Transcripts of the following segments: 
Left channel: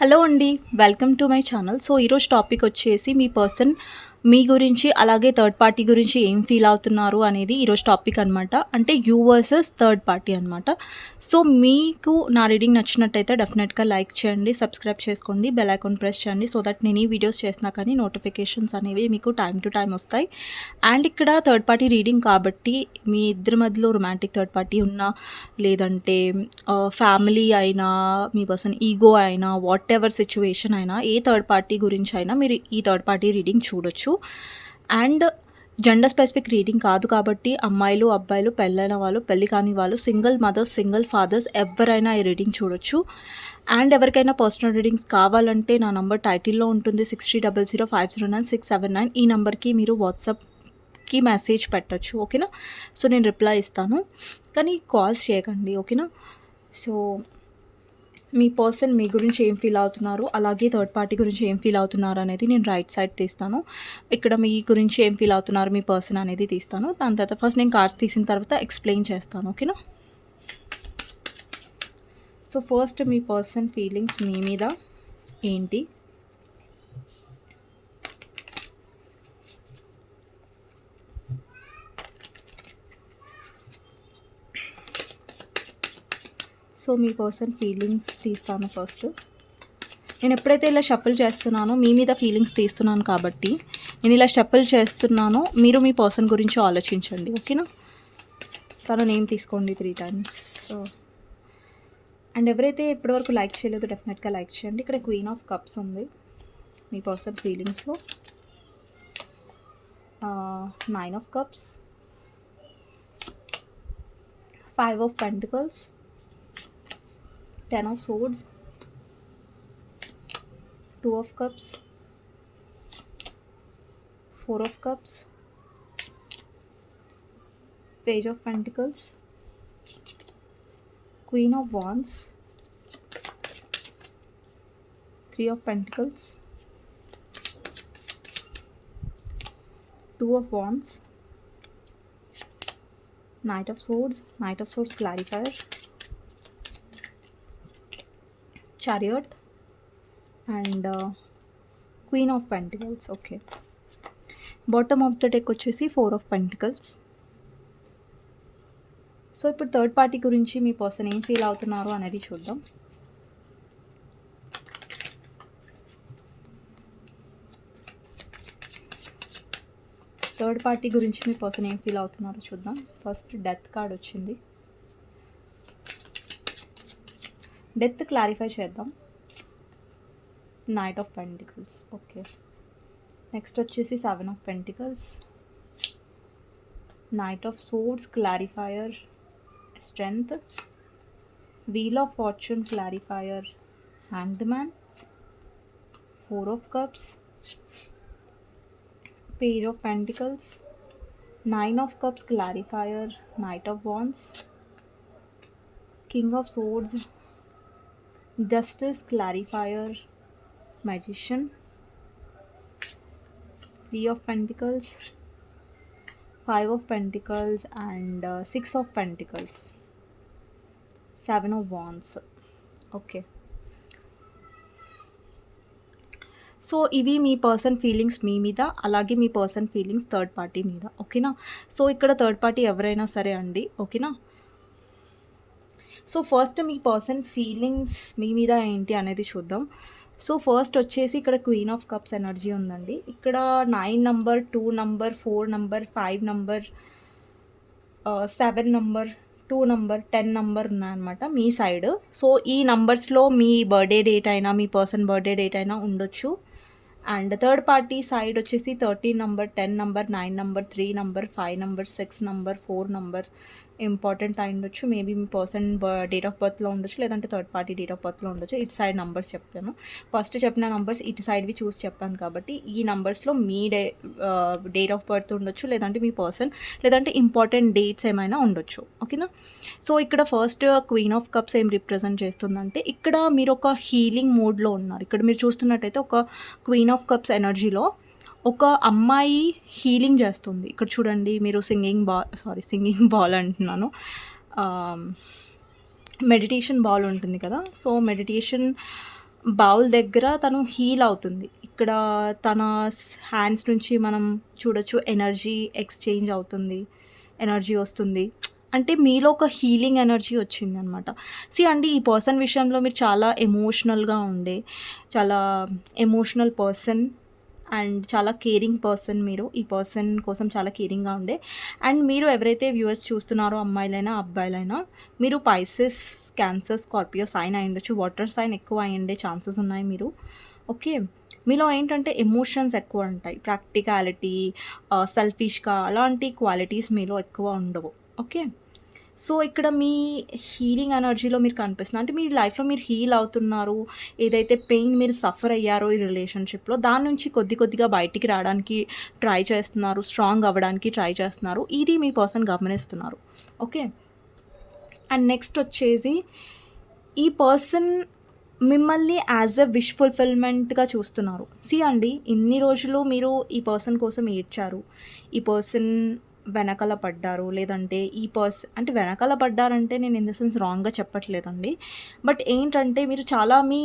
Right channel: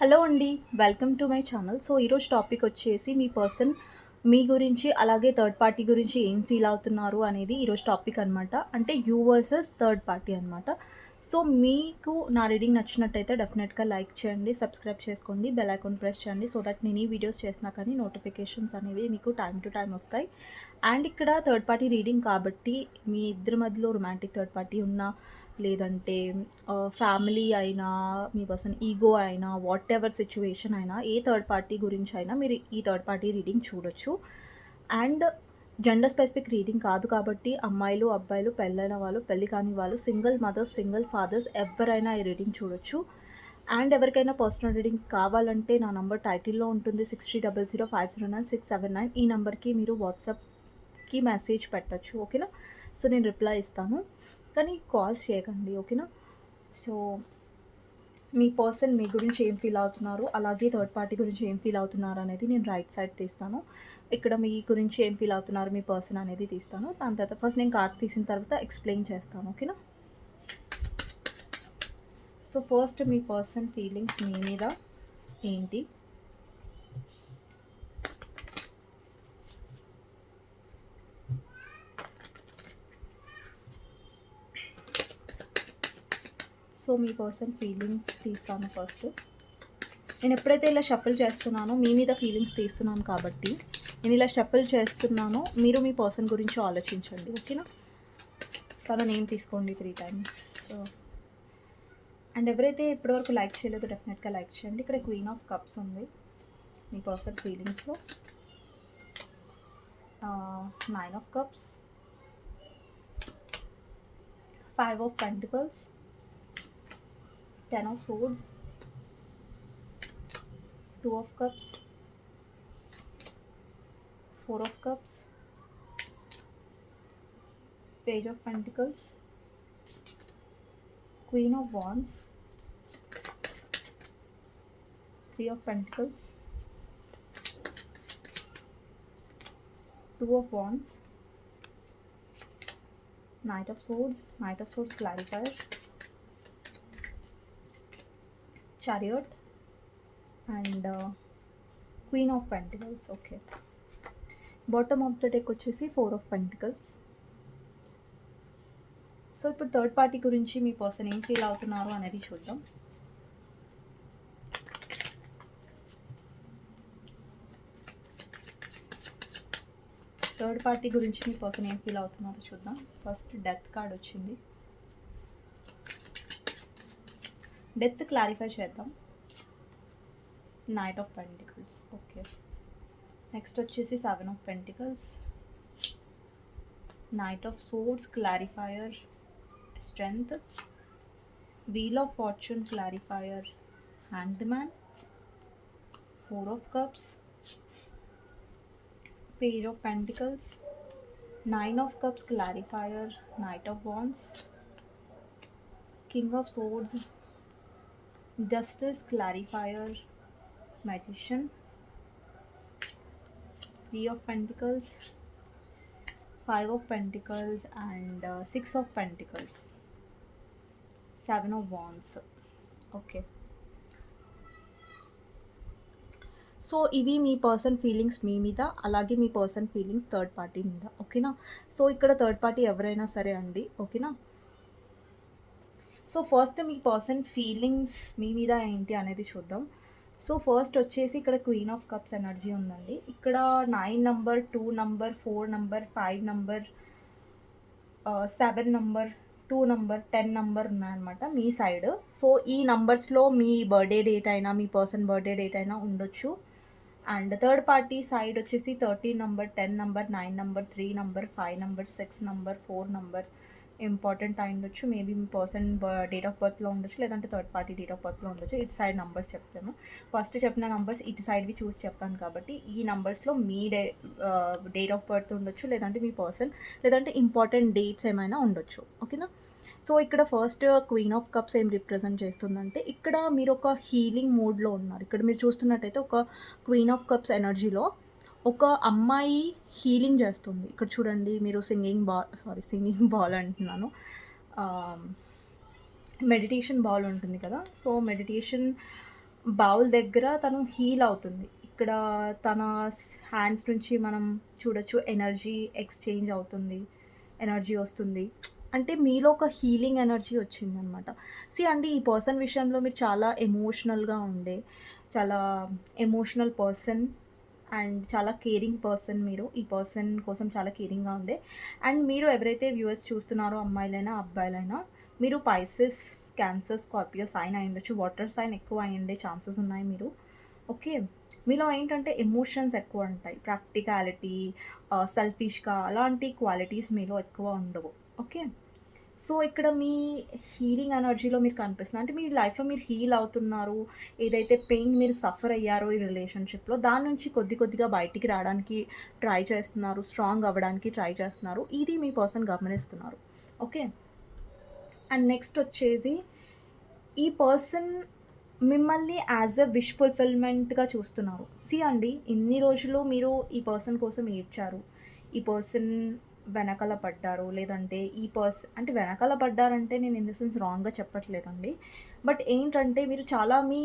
Hello అండి welcome to my channel. So ఈరోజు topic వచ్చేసి మీ పర్సన్ మీ గురించి అలాగే థర్డ్ పార్టీ గురించి ఏం ఫీల్ అవుతున్నారు అనేది ఈరోజు టాపిక్ అనమాట అంటే యూ వర్సెస్ థర్డ్ పార్టీ అనమాట సో మీకు నా రీడింగ్ నచ్చినట్టయితే డెఫినెట్గా లైక్ చేయండి సబ్స్క్రైబ్ చేసుకోండి బెల్ ఐకాన్ ప్రెస్ చేయండి సో దట్ నేను ఈ వీడియోస్ చేసినా కానీ నోటిఫికేషన్స్ అనేవి మీకు టైం టు టైం వస్తాయి. అండ్ ఇక్కడ థర్డ్ పార్టీ రీడింగ్ కాబట్టి మీ ఇద్దరి మధ్యలో రొమాంటిక్ థర్డ్ పార్టీ ఉన్నా లేదంటే ఫ్యామిలీ అయినా మీ పర్సన్ ఈగో అయినా వాట్ ఎవర్ సిచ్యువేషన్ అయినా ఏ థర్డ్ పార్టీ గురించి అయినా మీరు ఈ థర్డ్ పార్టీ రీడింగ్ చూడొచ్చు. అండ్ జెండర్ స్పెసిఫిక్ రీడింగ్ కాదు కాబట్టి అమ్మాయిలు అబ్బాయిలు పెళ్ళైన వాళ్ళు పెళ్ళి కాని వాళ్ళు సింగిల్ మదర్స్ సింగిల్ ఫాదర్స్ ఎవరైనా ఈ రీడింగ్ చూడొచ్చు. అండ్ ఎవరికైనా పర్సనల్ రీడింగ్స్ కావాలంటే నా నంబర్ టైటిల్లో ఉంటుంది six three double zero five zero nine six seven nine ఈ నెంబర్కి మీరు వాట్సాప్కి మెసేజ్ పెట్టచ్చు ఓకేనా? సో నేను రిప్లై ఇస్తాను. కానీ కాల్స్ చేయకండి ఓకేనా? సో మీ పర్సన్ మీ గురించి ఏం ఫీల్ అవుతున్నారు? అలాగే థర్డ్ పార్టీ గురించి ఏం ఫీల్ అవుతున్నారు అనేది నేను రైట్ సైడ్ తీస్తాను. ఇక్కడ మీ గురించి ఏం ఫీల్ అవుతున్నారు మీ పర్సన్ అనేది తీస్తాను. దాని తర్వాత ఫస్ట్ నేను కార్డ్స్ తీసిన తర్వాత ఎక్స్ప్లెయిన్ చేస్తాను ఓకేనా? సో ఫస్ట్ మీ పర్సన్ ఫీలింగ్స్ మీ మీద ఏంటి? సో మీ పర్సన్ ఫీలింగ్స్ తీస్తాను ఫస్ట్ నేను ఎప్పుడైతే ఇలా షఫల్ చేస్తున్నానో మీ మీద ఫీలింగ్స్ తీస్తున్నాను కాబట్టి నేను ఇలా షఫల్ చేస్తున్నానో మీరు మీ పర్సన్ గురించి ఆలోచించండి ఓకేనా తన నేమ్ తీసుకోండి త్రీ టైమ్స్ సో అండ్ ఎవరైతే ఇప్పటివరకు లైక్ చేయలేదో డెఫినెట్గా లైక్ చేయండి. ఇక్కడ క్వీన్ ఆఫ్ కప్స్ ఉంది. మీ person ఫీలింగ్స్లో nine of cups five of pentacles ten of swords two of cups four of cups page of pentacles queen of wands three of pentacles two of wands knight of swords knight of swords clarifier chariot and queen of pentacles okay bottom of the deck వచ్చేసి four of pentacles so ఇప్పుడు third party గురించి మీ person ఏం feel అవుతున్నారు అనేది చూద్దాం. Third party గురించి మీ పర్సన్ ఏం ఫీల్ అవుతున్నారో చూద్దాం. ఫస్ట్ డెత్ కార్డ్ వచ్చింది. డెత్ క్లారిఫై చేద్దాం. Knight of pentacles okay next వచ్చేసి seven of pentacles knight of swords clarifier strength wheel of fortune clarifier hand man four of cups page of pentacles nine of cups clarifier knight of wands king of swords justice clarifier magician three of pentacles five of pentacles and uh, six of pentacles seven of wands okay so ఇవి మీ person feelings మీ మీద అలాగే మీ person feelings third party మీద ఓకేనా so ఇక్కడ third party ఎవరైనా సరే అండి ఓకేనా సో ఫస్ట్ మీ పర్సన్ ఫీలింగ్స్ మీ మీద ఏంటి అనేది చూద్దాం. సో ఫస్ట్ వచ్చేసి ఇక్కడ క్వీన్ ఆఫ్ కప్స్ ఎనర్జీ ఉందండి. ఇక్కడ nine number two number four number five number seven number two number ten number ఉన్నాయన్నమాట మీ సైడ్. సో ఈ నంబర్స్లో మీ బర్త్డే డేట్ అయినా మీ పర్సన్ బర్త్డే డేట్ అయినా ఉండొచ్చు. అండ్ థర్డ్ పార్టీ సైడ్ వచ్చేసి thirteen number ten number nine number three number five number six number four number important అయి ఉండొచ్చు. మేబీ మీ పర్సన్ డేట్ ఆఫ్ బర్త్లో ఉండొచ్చు లేదంటే థర్డ్ పార్టీ డేట్ ఆఫ్ బర్త్లో ఉండొచ్చు. ఇటు సైడ్ నంబర్స్ చెప్తాను. ఫస్ట్ చెప్పిన నంబర్స్ ఇటు సైడ్వి చూసి చెప్పాను కాబట్టి ఈ నంబర్స్లో మీ డే డేట్ ఆఫ్ బర్త్ ఉండొచ్చు లేదంటే మీ పర్సన్ లేదంటే ఇంపార్టెంట్ డేట్స్ ఏమైనా ఉండొచ్చు. ఓకేనా? సో ఇక్కడ ఫస్ట్ క్వీన్ ఆఫ్ కప్స్ ఏం రిప్రజెంట్ చేస్తుందంటే ఇక్కడ మీరు ఒక హీలింగ్ మోడ్లో ఉన్నారు. ఇక్కడ మీరు చూస్తున్నట్టయితే ఒక క్వీన్ ఆఫ్ కప్స్ ఎనర్జీలో ఒక అమ్మాయి హీలింగ్ చేస్తుంది ఇక్కడ చూడండి మీరు singing ball sorry singing ball అంటున్నాను మెడిటేషన్ బాల్ ఉంటుంది కదా సో మెడిటేషన్ బౌల్ దగ్గర తను హీల్ అవుతుంది. ఇక్కడ తన హ్యాండ్స్ నుంచి మనం చూడొచ్చు ఎనర్జీ ఎక్స్‌చేంజ్ అవుతుంది. ఎనర్జీ వస్తుంది. అంటే మీలో ఒక హీలింగ్ ఎనర్జీ వచ్చిందనమాట. సీ అండి ఈ పర్సన్ విషయంలో మీరు చాలా ఎమోషనల్‌గా ఉండే, చాలా ఎమోషనల్ పర్సన్ అండ్ చాలా కేరింగ్ పర్సన్ మీరు. ఈ పర్సన్ కోసం చాలా కేరింగ్‌గా ఉండే అండ్ మీరు ఎవరైతే వ్యూవర్స్ చూస్తున్నారో అమ్మాయిలైనా, అబ్బాయిలైనా మీరు పైసెస్, క్యాన్సర్, స్కార్పియో సైన్ అయ్యుండొచ్చు. వాటర్ సైన్ ఎక్కువ అయ్యుండే ఛాన్సెస్ ఉన్నాయి మీరు. ఓకే. మీలో ఏంటంటే ఎమోషన్స్ ఎక్కువ ఉంటాయి. ప్రాక్టికాలిటీ, సెల్ఫిష్‌గా అలాంటి క్వాలిటీస్ మీలో ఎక్కువ ఉండవు. ఓకే. సో, ఇక్కడ మీ హీలింగ్ ఎనర్జీలో మీరు కనిపిస్తుంది. అంటే మీ లైఫ్‌లో మీరు హీల్ అవుతున్నారు. ఏదైతే పెయిన్ మీరు సఫర్ అయ్యారో ఈ రిలేషన్‌షిప్‌లో దాని నుంచి కొద్ది కొద్దిగా బయటికి రావడానికి ట్రై చేస్తున్నారు. స్ట్రాంగ్ అవ్వడానికి ట్రై చేస్తున్నారు. ఇది మీ పర్సన్ గమనిస్తున్నారు. ఓకే. అండ్ నెక్స్ట్ వచ్చేసి ఈ పర్సన్ మిమ్మల్ని యాజ్ ఎ విష్ ఫుల్‌ఫిల్‌మెంట్‌గా చూస్తున్నారు. సి అండి ఇన్ని రోజులు మీరు ఈ పర్సన్ కోసం ఏడ్చారు. ఈ పర్సన్ వెనకాల పడ్డారు. లేదంటే ఈ పర్స్ అంటే వెనకాల పడ్డారంటే నేను ఇన్ ద సెన్స్ రాంగ్‌గా చెప్పట్లేదండి. బట్ ఏంటంటే మీరు చాలా మీ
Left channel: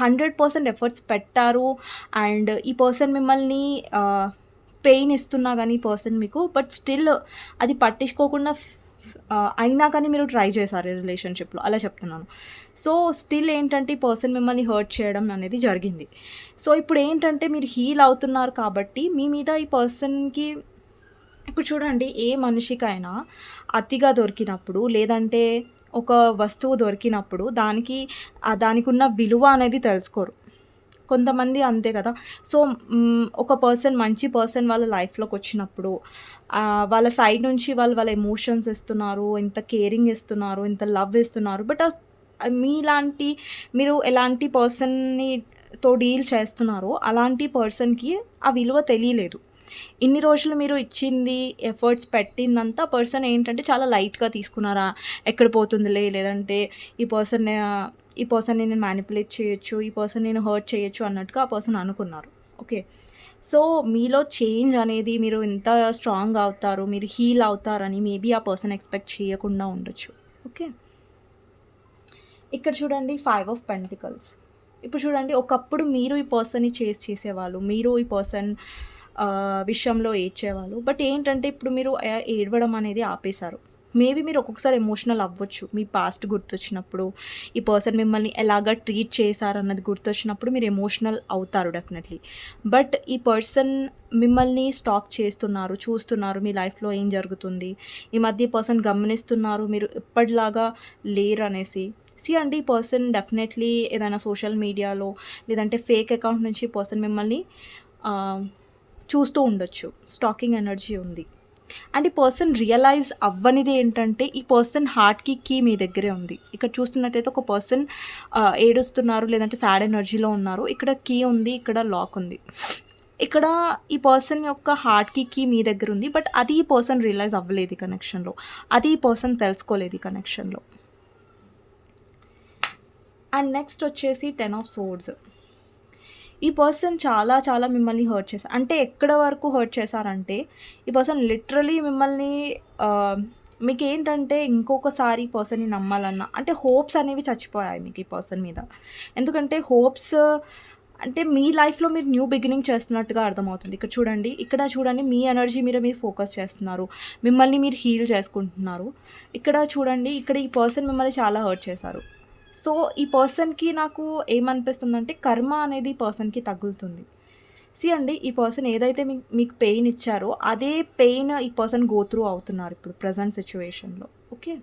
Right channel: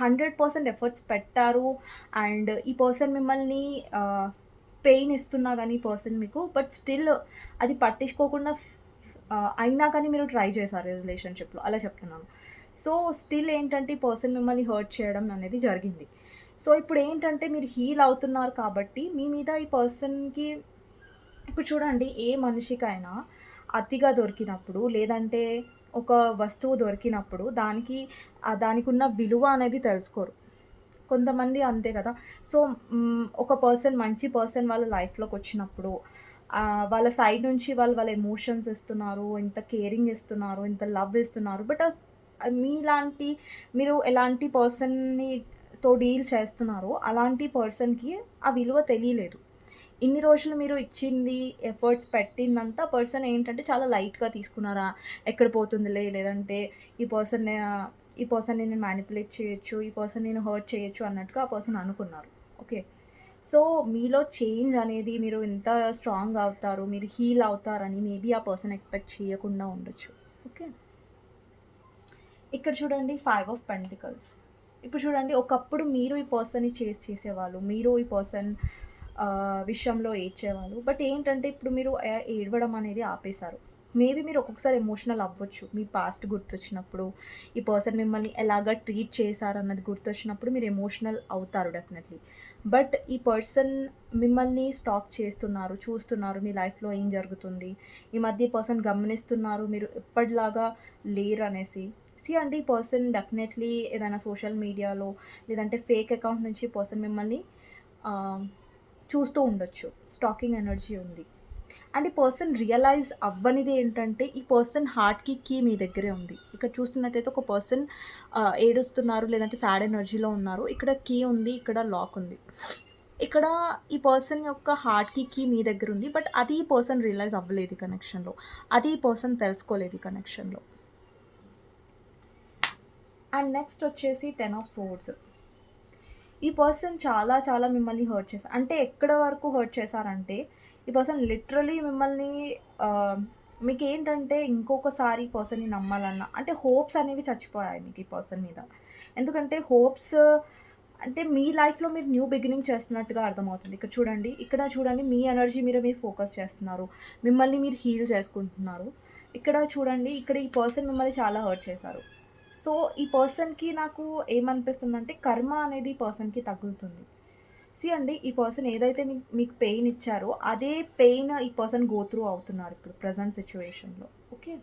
హండ్రెడ్ పర్సెంట్ ఎఫర్ట్స్ పెట్టారు. అండ్ ఈ పర్సన్ మిమ్మల్ని పెయిన్ ఇస్తున్నా కానీ ఈ పర్సన్ మీకు బట్ స్టిల్ అది పట్టించుకోకుండా అయినా కానీ మీరు ట్రై చేశారు ఈ రిలేషన్‌షిప్‌లో అలా చెప్తున్నాను. సో, స్టిల్ ఏంటంటే ఈ పర్సన్ మిమ్మల్ని హర్ట్ చేయడం అనేది జరిగింది. సో, ఇప్పుడు ఏంటంటే మీరు హీల్ అవుతున్నారు కాబట్టి మీ మీద ఈ పర్సన్‌కి ఇప్పుడు చూడండి ఏ మనిషికైనా అతిగా దొరికినప్పుడు లేదంటే ఒక వస్తువు దొరికినప్పుడు దానికి దానికి దానికున్న విలువ అనేది తెలుసుకోరు. కొంతమంది అంతే కదా! సో, ఒక పర్సన్ మంచి పర్సన్ వాళ్ళ లైఫ్లోకి వచ్చినప్పుడు వాళ్ళ సైడ్ నుంచి వాళ్ళు వాళ్ళ ఎమోషన్స్ ఇస్తున్నారు. ఇంత కేరింగ్ ఇస్తున్నారు. ఇంత లవ్ ఇస్తున్నారు. బట్ మీలాంటి మీరు ఎలాంటి పర్సన్‌ని తో డీల్ చేస్తున్నారో అలాంటి పర్సన్‌కి ఆ విలువ తెలియలేదు. ఇన్ని రోజులు మీరు ఇచ్చింది, ఎఫర్ట్స్ పెట్టిందంతా పర్సన్ ఏంటంటే చాలా లైట్‌గా తీసుకున్నారా? ఎక్కడ పోతుందిలే లేదంటే ఈ పర్సన్ ఈ పర్సన్ నేను మ్యానిపులేట్ చేయొచ్చు. ఈ పర్సన్ నేను హర్ట్ చేయొచ్చు అన్నట్టుగా ఆ పర్సన్ అనుకున్నారు. ఓకే. సో, మీలో చేంజ్ అనేది మీరు ఇంత స్ట్రాంగ్ అవుతారు. మీరు హీల్ అవుతారని మేబీ ఆ పర్సన్ ఎక్స్‌పెక్ట్ చేయకుండా ఉండొచ్చు. ఓకే. ఇక్కడ చూడండి ఫైవ్ ఆఫ్ పెంటికల్స్. ఇప్పుడు చూడండి ఒకప్పుడు మీరు ఈ పర్సన్‌ని చేజ్ చేసేవాళ్ళు. మీరు ఈ పర్సన్ విషయంలో ఏడ్చేవాళ్ళు. బట్ ఏంటంటే ఇప్పుడు మీరు ఏడవడం అనేది ఆపేశారు. మేబీ మీరు ఒక్కొక్కసారి ఎమోషనల్ అవ్వచ్చు. మీ పాస్ట్ గుర్తొచ్చినప్పుడు, ఈ పర్సన్ మిమ్మల్ని ఎలాగా ట్రీట్ చేశారన్నది గుర్తొచ్చినప్పుడు మీరు ఎమోషనల్ అవుతారు డెఫినెట్‌లీ. బట్ ఈ పర్సన్ మిమ్మల్ని స్టాక్ చేస్తున్నారు. చూస్తున్నారు మీ లైఫ్‌లో ఏం జరుగుతుంది. ఈ మధ్య ఈ పర్సన్ గమనిస్తున్నారు. మీరు ఎప్పటిలాగా అనేసి సీ అండి ఈ పర్సన్ డెఫినెట్‌లీ ఏదైనా సోషల్ మీడియాలో లేదంటే ఫేక్ అకౌంట్ నుంచి పర్సన్ మిమ్మల్ని చూస్తూ ఉండొచ్చు. స్టాకింగ్ ఎనర్జీ ఉంది. అండ్ ఈ పర్సన్ రియలైజ్ అవ్వనిది ఏంటంటే ఈ పర్సన్ హార్ట్‌కి కీ మీ దగ్గరే ఉంది. ఇక్కడ చూస్తున్నట్టయితే ఒక పర్సన్ ఏడుస్తున్నారు లేదంటే సాడ్ ఎనర్జీలో ఉన్నారు. ఇక్కడ కీ ఉంది. ఇక్కడ లాక్ ఉంది. ఇక్కడ ఈ పర్సన్ యొక్క హార్ట్‌కి కీ మీ దగ్గర ఉంది. బట్ అది ఈ పర్సన్ రియలైజ్ అవ్వలేదు కనెక్షన్‌లో. అది ఈ పర్సన్ తెలుసుకోలేదు కనెక్షన్‌లో. అండ్ నెక్స్ట్ వచ్చేసి 10 ఆఫ్ సోర్డ్స్. ఈ పర్సన్ చాలా చాలా మిమ్మల్ని హర్ట్ చేశారు. అంటే ఎక్కడ వరకు హర్ట్ చేశారంటే ఈ పర్సన్ లిటరలీ మిమ్మల్ని మీకు ఏంటంటే ఇంకొకసారి పర్సన్‌ని నమ్మాలన్నా అంటే హోప్స్ అనేవి చచ్చిపోయాయి మీకు ఈ పర్సన్ మీద. ఎందుకంటే హోప్స్ అంటే మీ లైఫ్‌లో మీరు న్యూ బిగినింగ్ చేస్తున్నట్టుగా అర్థమవుతుంది. ఇక్కడ చూడండి. ఇక్కడ చూడండి మీ ఎనర్జీ మీద మీరు ఫోకస్ చేస్తున్నారు. మిమ్మల్ని మీరు హీల్ చేసుకుంటున్నారు. ఇక్కడ చూడండి ఇక్కడ ఈ పర్సన్ మిమ్మల్ని చాలా హర్ట్ చేశారు. సో, ఈ పర్సన్‌కి నాకు ఏమనిపిస్తుందంటే కర్మ అనేది పర్సన్‌కి తగులుతుంది. సీ అండి ఈ పర్సన్ ఏదైతే మీకు మీకు పెయిన్ ఇచ్చారో అదే పెయిన్ ఈ పర్సన్ గో త్రూ అవుతున్నారు ఇప్పుడు ప్రజెంట్ సిచ్యువేషన్లో ఓకే.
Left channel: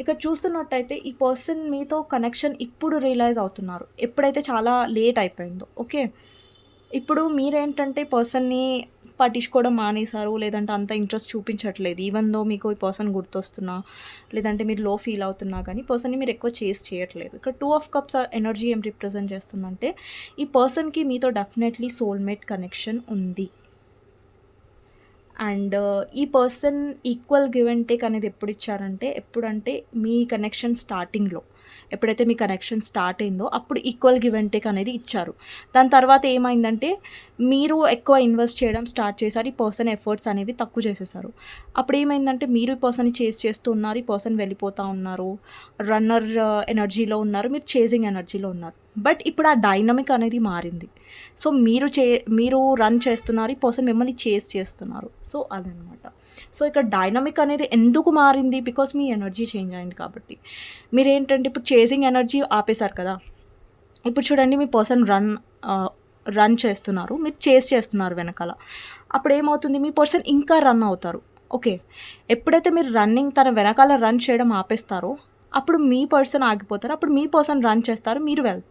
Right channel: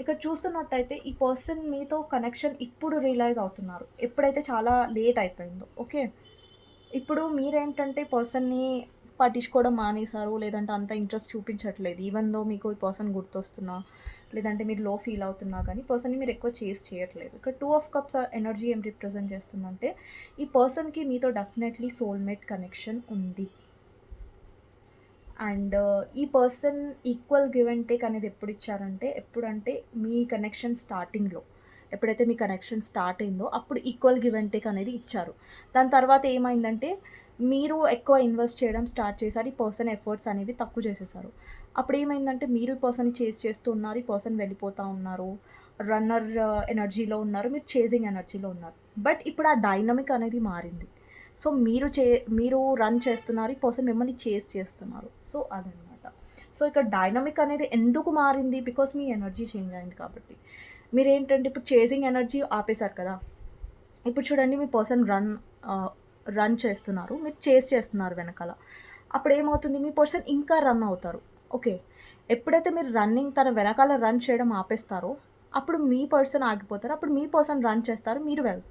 ఇక్కడ చూస్తున్నట్టయితే ఈ పర్సన్ మీతో కనెక్షన్ ఇప్పుడు రియలైజ్ అవుతున్నారు. ఎప్పుడైతే చాలా లేట్ అయిపోయిందో. ఓకే. ఇప్పుడు మీరేంటంటే పర్సన్‌ని పట్టించుకోవడం మానేశారు. లేదంటే అంత ఇంట్రెస్ట్ చూపించట్లేదు. ఈవెన్ దో మీకు ఈ పర్సన్ గుర్తొస్తున్నా, లేదంటే మీరు లో ఫీల్ అవుతున్నా కానీ పర్సన్‌ని మీరు ఎక్కువ చేజ్ చేయట్లేదు. ఇక్కడ టూ ఆఫ్ కప్స్ ఎనర్జీ ఏం రిప్రజెంట్ చేస్తుందంటే ఈ పర్సన్‌కి మీతో డెఫినెట్‌లీ సోల్‌మేట్ కనెక్షన్ ఉంది. అండ్ ఈ person equal give and take అనేది ఎప్పుడు ఇచ్చారంటే ఎప్పుడంటే మీ కనెక్షన్ స్టార్టింగ్‌లో. ఎప్పుడైతే మీ కనెక్షన్ స్టార్ట్ అయిందో అప్పుడు ఈక్వల్ గివ్ అండ్ టేక్ అనేది ఇచ్చారు. దాని తర్వాత ఏమైందంటే మీరు ఎక్కువ ఇన్వెస్ట్ చేయడం స్టార్ట్ చేశారు ఈ పర్సన్ ఎఫర్ట్స్ అనేవి తక్కువ చేసేసారు. అప్పుడు ఏమైందంటే మీరు ఈ పర్సన్ చేసి చేస్తూ ఉన్నారు ఈ పర్సన్ వెళ్ళిపోతూ ఉన్నారు రన్నర్ ఎనర్జీలో uh, ఉన్నారు మీరు చేజింగ్ ఎనర్జీలో ఉన్నారు. బట్ ఇప్పుడు ఆ డైనమిక్ అనేది మారింది. సో మీరు చే మీరు రన్ చేస్తున్నారు ఈ పర్సన్ మిమ్మల్ని చేస్ చేస్తున్నారు. సో అదనమాట. సో ఇక్కడ డైనమిక్ అనేది ఎందుకు మారింది? బికాస్ మీ ఎనర్జీ చేంజ్ అయింది కాబట్టి. మీరు ఏంటంటే ఇప్పుడు చేసింగ్ ఎనర్జీ ఆపేశారు కదా. ఇప్పుడు చూడండి మీ పర్సన్ రన్ రన్ చేస్తున్నారు. మీరు చేస్ చేస్తున్నారు వెనకాల. అప్పుడు ఏమవుతుంది మీ పర్సన్ ఇంకా రన్ అవుతారు. ఓకే ఎప్పుడైతే మీరు రన్నింగ్ తన వెనకాల రన్ చేయడం ఆపేస్తారో అప్పుడు మీ పర్సన్ ఆగిపోతారు. అప్పుడు మీ పర్సన్ రన్ చేస్తారు. మీరు వెల్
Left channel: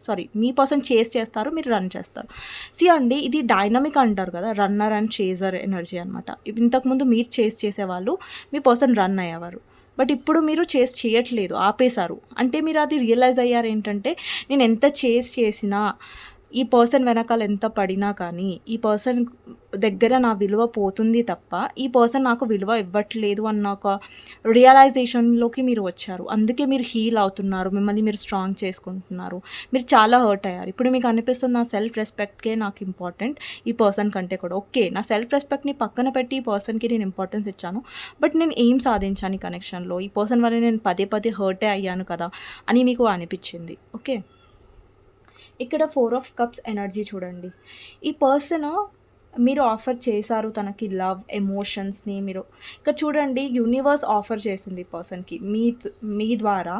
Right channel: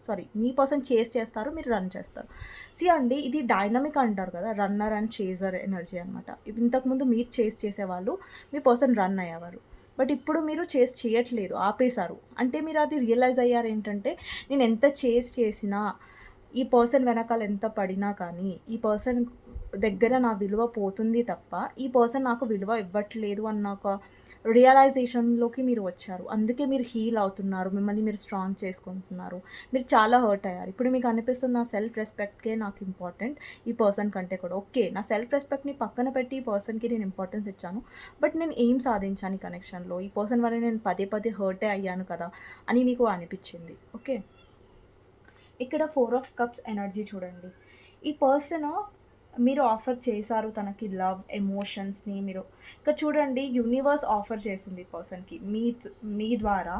సారీ మీ పర్సన్ చేస్ చేస్తారు మీరు రన్ చేస్తారు. సి అండి ఇది డైనమిక్ అంటారు కదా రన్నర్ అండ్ చేజర్ ఎనర్జీ అనమాట ఇంతకుముందు మీరు చేస్ చేసేవాళ్ళు మీ పర్సన్ రన్ అయ్యేవారు. బట్ ఇప్పుడు మీరు చేస్ చేయట్లేదు ఆపేశారు. అంటే మీరు అది రియలైజ్ అయ్యారు ఏంటంటే నేను ఎంత చేస్ చేసినా ఈ పర్సన్ వెనకాల ఎంత పడినా కానీ ఈ పర్సన్ దగ్గర నా విలువ పోతుంది తప్ప ఈ పర్సన్ నాకు విలువ ఇవ్వట్లేదు అన్న ఒక రియలైజేషన్లోకి మీరు వచ్చారు. అందుకే మీరు హీల్ అవుతున్నారు మిమ్మల్ని మీరు స్ట్రాంగ్ చేసుకుంటున్నారు. మీరు చాలా హర్ట్ అయ్యారు. ఇప్పుడు మీకు అనిపిస్తుంది నా సెల్ఫ్ రెస్పెక్ట్కే నాకు ఇంపార్టెంట్ ఈ పర్సన్ కంటే కూడా. ఓకే నా సెల్ఫ్ రెస్పెక్ట్ని పక్కన పెట్టి ఈ పర్సన్కి నేను ఇంపార్టెన్స్ ఇచ్చాను. బట్ నేను ఏం సాధించాను ఈ కనెక్షన్లో ఈ పర్సన్ వల్ల నేను పదే పదే హర్టే అయ్యాను కదా అని మీకు అనిపించింది. ఓకే ఇక్కడ ఫోర్ ఆఫ్ కప్స్ ఎనర్జీ చూడండి. ఈ పర్సన్ మీరు ఆఫర్ చేశారు తనకి లవ్ ఎమోషన్స్ని మీరు. ఇక్కడ చూడండి యూనివర్స్ ఆఫర్ చేసింది ఈ పర్సన్కి. మీ మీ ద్వారా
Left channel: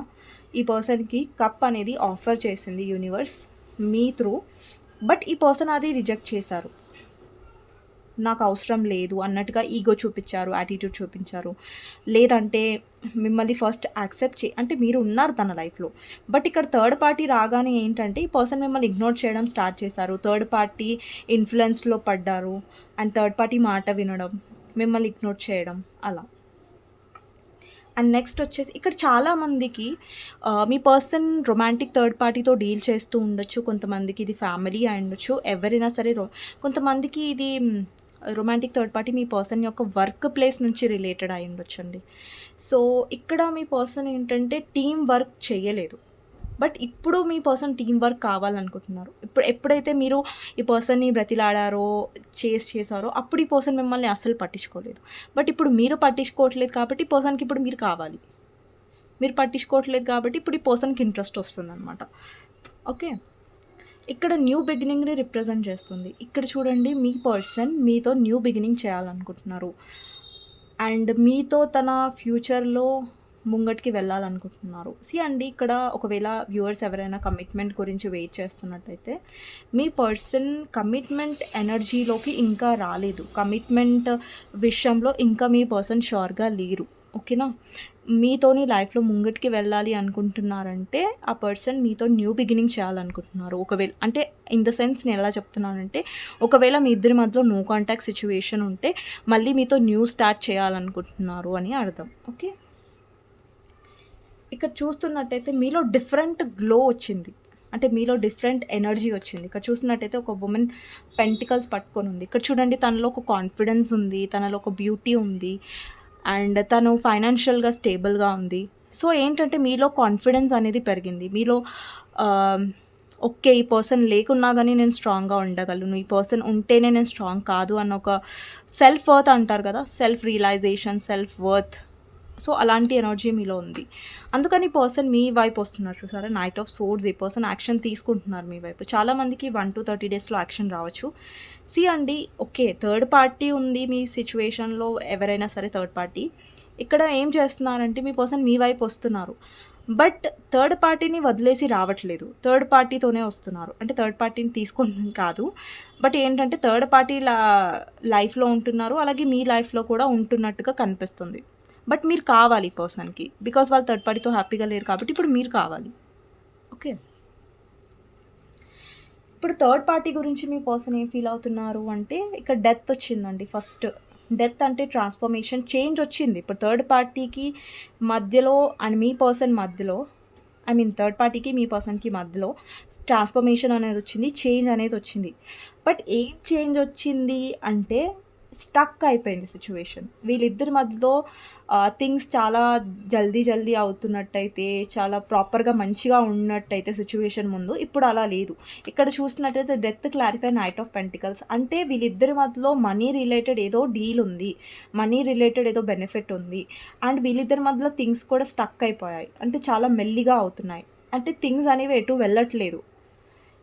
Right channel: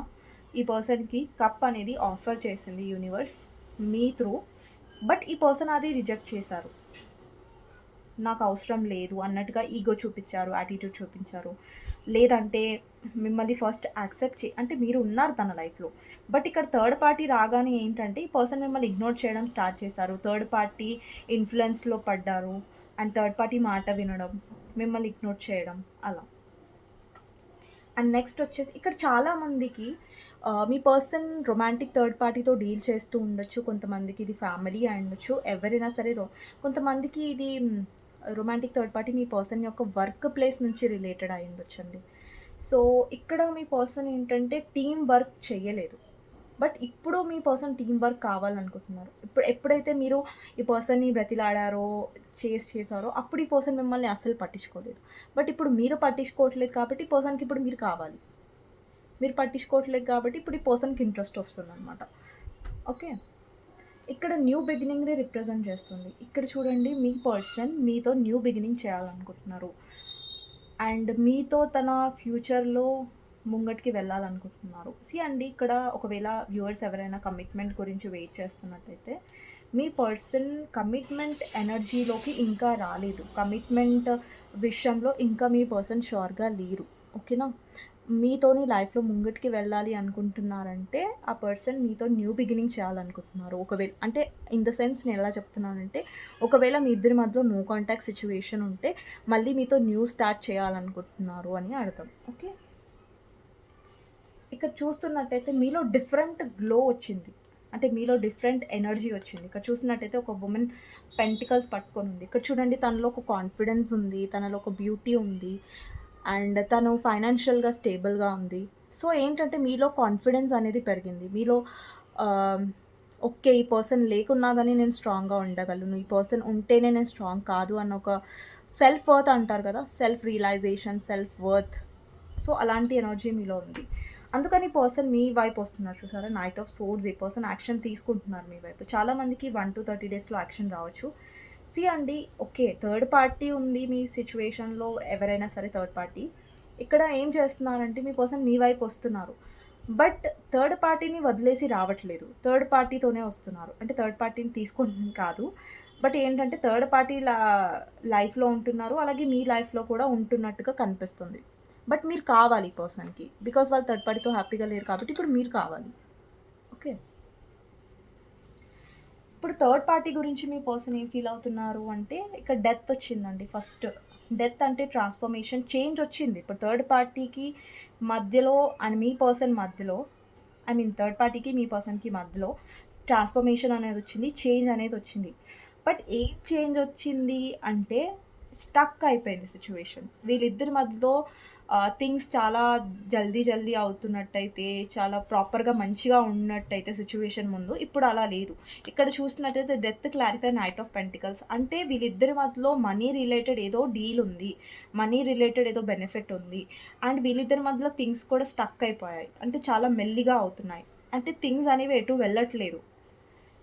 ఈ పర్సన్కి కప్ అనేది ఆఫర్ చేసింది యూనివర్స్ మీ త్రూ. బట్ ఈ పర్సన్ అది రిజెక్ట్ చేశారు. నాకు అవసరం లేదు అన్నట్టుగా ఈగో చూపించారు యాటిట్యూడ్ చూపించారు. లేదంటే మిమ్మల్ని ఫస్ట్ యాక్సెప్ట్ చే అంటే మీరు ఉన్నారు తన లైఫ్లో బట్ ఇక్కడ థర్డ్ పార్టీ రాగానే ఏంటంటే ఈ పర్సన్ మిమ్మల్ని ఇగ్నోర్ చేయడం స్టార్ట్ చేశారు. థర్డ్ పార్టీ ఇన్ఫ్లుయెన్స్లో పడ్డారు అండ్ థర్డ్ పార్టీ మాట వినడం మిమ్మల్ని ఇగ్నోర్ చేయడం అలా. అండ్ నెక్స్ట్ వచ్చేసి ఇక్కడ చాలామందికి మీ పర్సన్ రొమాంటిక్ థర్డ్ పార్టీతో డీల్ చేస్తూ ఉండొచ్చు. కొంతమందికి ఇది ఫ్యామిలీ అయి ఉండొచ్చు ఎవరైనా సరే కొంతమందికి ఇది రొమాంటిక్ థర్డ్ పార్టీ మీ పర్సన్ యొక్క వర్క్ ప్లేస్ నుంచి రిలేటెడ్ అయి ఉండొచ్చండి. సో ఇక్కడ మీ పర్సన్ ఏంటంటే టీం వర్క్ చేయలేదు. బట్ ఇప్పుడు మీ పర్సన్ టీం వర్క్ కావాలనుకుంటున్నారు. ఇప్పుడు ఎప్పుడైతే మీరు ఈ పర్సన్ని బ్రతిలాడారో చేస్ చేశారో అప్పుడు ఈ పర్సన్ మిమ్మల్ని అస్సలు పట్టించుకోలేదు. బట్ ఇప్పుడు మీరు పట్టించుకోవట్లేదు కాబట్టి ఈ పర్సన్కి ఇప్పుడు మీరు కావాలి. మీరు పట్టించుకోవట్లేదు కాబట్టి ఇప్పుడు ఈ పర్సన్కి ఇంట్రెస్ట్ వస్తుంది అనమాట ఓకే ఇక్కడ న్యూ బిగినింగ్ని రిప్రజెంట్ చేస్తుంది. ఇక్కడ చూడండి మీ పర్సన్ మీతో న్యూ బిగినింగ్ చేయాలనుకుంటున్నారు. అండ్ మీతో తన ఫ్యూచర్లో ముంగటికి వెళ్ళాలనుకుంటున్నారు. సి అండి ఇక్కడ ఒకవేళ వ్యూవర్స్ ఎవరైనా కమిట్మెంట్ గురించి వెయిట్ చేస్తున్నట్టయితే మీ పర్సన్ కమిట్మెంట్ ఎనర్జీలోకి ఇంకా రాలేదు. కమిట్మెంట్ విషయంలో ఇంకా మీ పర్సన్ షూర్గా లేరు. ఓకేనా మీతోని లైఫ్లో ముంగటికి వెళ్ళాలి అనుకుంటున్నారంటే ఆ పర్సన్ మీతో న్యూ బిగినింగ్ చేయాలనుకుంటున్నారు. ఒకవేళ అంటే ఇన్ ద సెన్స్ నేను ఎలా చెప్తున్నానంటే ఒకవేళ మీ ఇద్దరి మధ్యలో నో కాంటాక్ట్ సిచ్యువేషన్ ఉంటే మళ్ళీ మీతో న్యూ స్టార్ట్ చేయాలనుకుంటున్నారు అని అర్థం. ఓకే? ఇక్కడ చూస్తున్నట్టయితే మీలో డిఫరెంట్ గ్లో వచ్చింది. అంటే మీలో డిఫరెంట్ ఎనర్జీ వచ్చింది. ఇక్కడ చూసినట్టయితే ఒక ఉమెన్ పెంటికల్స్ పట్టుకొని ఉంది. ఇక్కడ చూడండి తనలో ఒక కాన్ఫిడెన్స్ ఉంది తనలో ఒక బ్యూటీ ఉంది. అండ్ తను ఫైనాన్షియల్గా స్టేబుల్గా ఉంది. సో ఏంటంటే మీలో కాన్ఫిడెన్స్ అనేది పెరిగింది. మీలో ఓకే ఈ పర్సన్ లేకున్నా కానీ నేను స్ట్రాంగ్గా ఉండగలను. ఈ పర్సన్ ఉంటేనే నేను స్ట్రాంగ్ కాదు అన్న ఒక సెల్ఫ్ వర్త్ అంటారు కదా self realization self worth. So అలాంటి ఎనర్జీ మీలో ఉంది. అందుకని పర్సన్ మీ వైపు వస్తున్నారు చూసారా? నైట్ ఆఫ్ సోర్స్ ఈ పర్సన్ యాక్షన్ తీసుకుంటున్నారు మీ వైపు. చాలామందికి వన్ టు థర్టీ డేస్లో యాక్షన్ రావచ్చు. సి అండి ఓకే థర్డ్ పార్టీ ఉంది మీ సిచ్యువేషన్లో ఎవరైనా సరే థర్డ్ పార్టీ. ఇక్కడ ఏం చేస్తున్నారంటే మీ పర్సన్ మీ వైపు వస్తున్నారు. బట్ థర్డ్ పార్టీని వదిలేసి రావట్లేదు. థర్డ్ పార్టీతోనే వస్తున్నారు. అంటే థర్డ్ పార్టీని తీసుకొని కాదు. బట్ ఏంటంటే థర్డ్ పార్టీ లైఫ్లో ఉంటున్నారు. అలాగే మీ లైఫ్లో కూడా ఉంటున్నట్టుగా కనిపిస్తుంది. బట్ మీరు కావాలి పర్సన్కి. బికాస్ వాళ్ళు థర్డ్ పార్టీతో హ్యాపీగా లేరు కాబట్టి ఇప్పుడు మీరు కావాలి. ఓకే? ఇప్పుడు థర్డ్ పార్టీ గురించి మీ పర్సన్ ఏం ఫీల్ అవుతున్నారు అంటే ఇక్కడ డెత్ వచ్చిందండి ఫస్ట్. డెత్ అంటే ట్రాన్స్ఫర్మేషన్ చేంజ్ వచ్చింది. ఇప్పుడు థర్డ్ పార్టీకి మధ్యలో అండ్ మీ పర్సన్ మధ్యలో ఐ మీన్ థర్డ్ పార్టీకి మీ పర్సన్కి మధ్యలో ట్రాన్స్ఫర్మేషన్ అనేది వచ్చింది చేంజ్ అనేది వచ్చింది. బట్ ఏం చేంజ్ వచ్చింది అంటే స్టక్ అయిపోయింది సిచ్యువేషన్ వీళ్ళిద్దరి మధ్యలో థింగ్స్ చాలా జల్దీ జల్దీ అవుతున్నట్టయితే చాలా ప్రాపర్గా మంచిగా ఉన్నట్టయితే సిచ్యువేషన్ ముందు ఇప్పుడు అలా లేదు. ఇక్కడ చూసినట్టయితే death clarify knight of pentacles అంటే వీళ్ళిద్దరి మధ్యలో మనీ రిలేటెడ్ ఏదో డీల్ ఉంది. మనీ రిలేటెడ్ ఏదో బెనిఫిట్ ఉంది. అండ్ వీళ్ళిద్దరి మధ్యలో థింగ్స్ కూడా స్టక్ అయిపోయాయి. అంటే చాలా మెల్లిగా అవుతున్నాయి. అంటే థింగ్స్ అనేవి ఎటు వెళ్ళట్లేదు.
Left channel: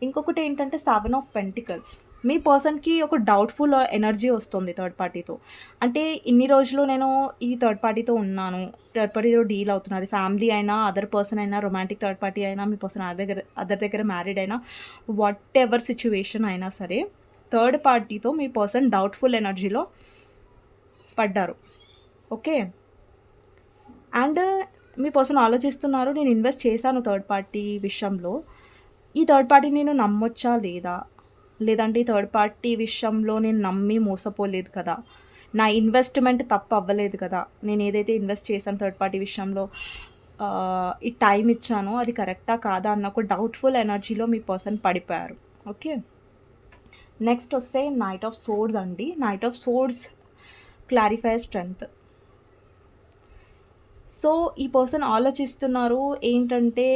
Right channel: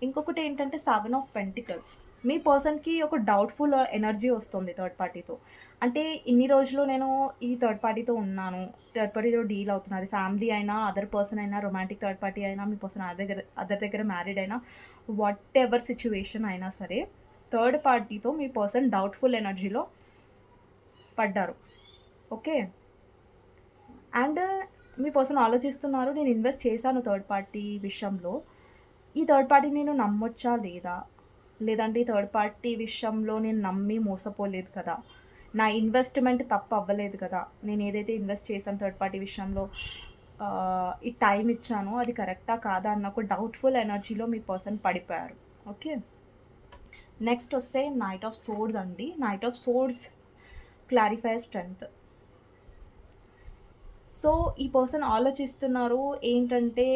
ఇంకొకటి ఏంటంటే సెవెన్ ఆఫ్ పెంటికల్స్ మీ పర్సన్కి ఒక డౌట్ఫుల్ ఎనర్జీ వస్తుంది థర్డ్ పార్టీతో అంటే ఇన్ని రోజులు నేను ఈ థర్డ్ పార్టీతో ఉన్నాను. థర్డ్ పార్టీతో డీల్ అవుతున్నది ఫ్యామిలీ అయినా అదర్ పర్సన్ అయినా రొమాంటిక్ థర్డ్ పార్టీ అయినా మీ పర్సన్ అదర్ దగ్గర అదర్ దగ్గర మ్యారీడ్ అయినా వాట్ ఎవర్ సిచ్యువేషన్ అయినా సరే థర్డ్ పార్టీతో మీ పర్సన్ డౌట్ఫుల్ ఎనర్జీలో పడ్డారు. ఓకే? అండ్ మీ పర్సన్ ఆలోచిస్తున్నారు నేను ఇన్వెస్ట్ చేశాను థర్డ్ పార్టీ విషయంలో. ఈ థర్డ్ పార్టీ నేను నమ్మొచ్చా లేదా? లేదంటే ఈ థర్డ్ పార్టీ విషయంలో నేను నమ్మి మోసపోలేదు కదా? నా ఇన్వెస్ట్మెంట్ తప్పు అవ్వలేదు కదా? నేను ఏదైతే ఇన్వెస్ట్ చేశాను థర్డ్ పార్టీ విషయంలో ఈ టైం ఇచ్చానో అది కరెక్టా కాదా అన్న ఒక డౌట్ఫుల్ ఎనర్జీలో మీ పర్సన్ పడిపోయారు. ఓకే నెక్స్ట్ వస్తే నైట్ ఆఫ్ సోర్డ్స్ అండి. Knight of swords clarify strength so ఈ పర్సన్ ఆలోచిస్తున్నారు ఏంటంటే